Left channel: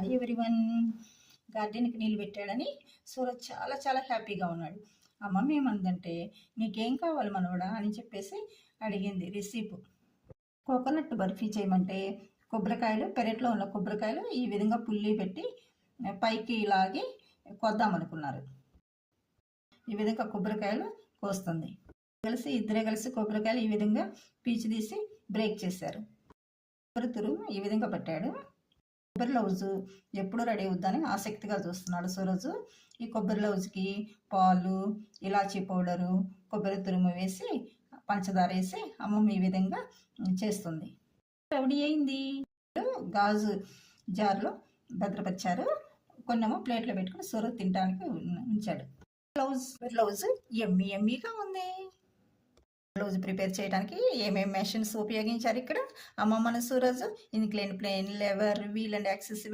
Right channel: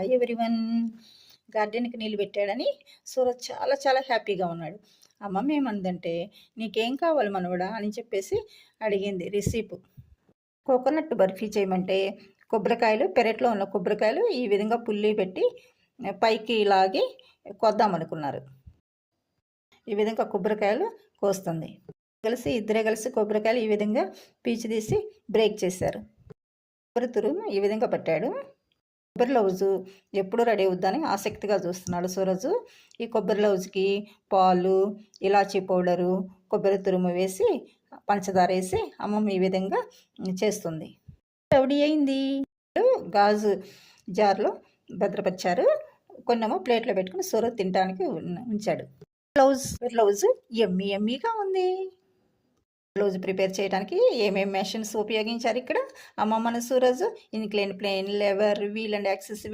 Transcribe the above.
Hi everyone. గార్డెన్కి నీళ్ళు పెట్టాడని సూరజ్ చాలా చాలా హ్యాపీగా ఉన్నాడు. అమ్మమ్మ ఏమందంటే, నీకేం కావాలి మనవడా అని చెప్పేసి అడిగింది. రెసిపీ కోకోనట్ బర్ఫీ చేయమంటే, కొబ్బరికాయలు పెరట్లో ఉన్న కొబ్బరికాయలు ఈ విధంగా పుల్లి పెట్టి పైకి లాగి కొద్దామనుకున్నారు. ఈ విధంగా కొబ్బరికాయలు కోస్తుంది. ఇద్దరే కలిసి కొబ్బరికాయలు ఈ విధంగా పీచు తీసి బ్రేక్ చేశారు. కొబ్బరి తురుము ఈ విధంగా పట్టాడు. కొబ్బరి లౌజు ఎప్పుడు రెడీ అవుద్దని ఆసక్తిగా చూస్తున్నాడు సూరజు. ఈ కొబ్బరి లౌజుకి పాలు, ఇలాచీ పౌడరు, కొబ్బరి తురుము వేసి పంచదార వేసి అమ్మమ్మ ఈ విధంగా చేస్తుంది. రెడీ అయింది. గాజు జార్లో భద్రపరిచారు. కొన్నేమో ప్లేట్లో పెట్టుకుని సూరజ్ తినడానికి ఉంచాడు. లౌజు ఎమ్మీగా ఉంది. బ్లౌజ్ ప్రిపేర్ చేయడానికి ఏమేమి మెషిన్స్ ఉపయోగించారు ఇక్కడ అమ్మమ్మను Suraj? Incline plane, lever, wheel and access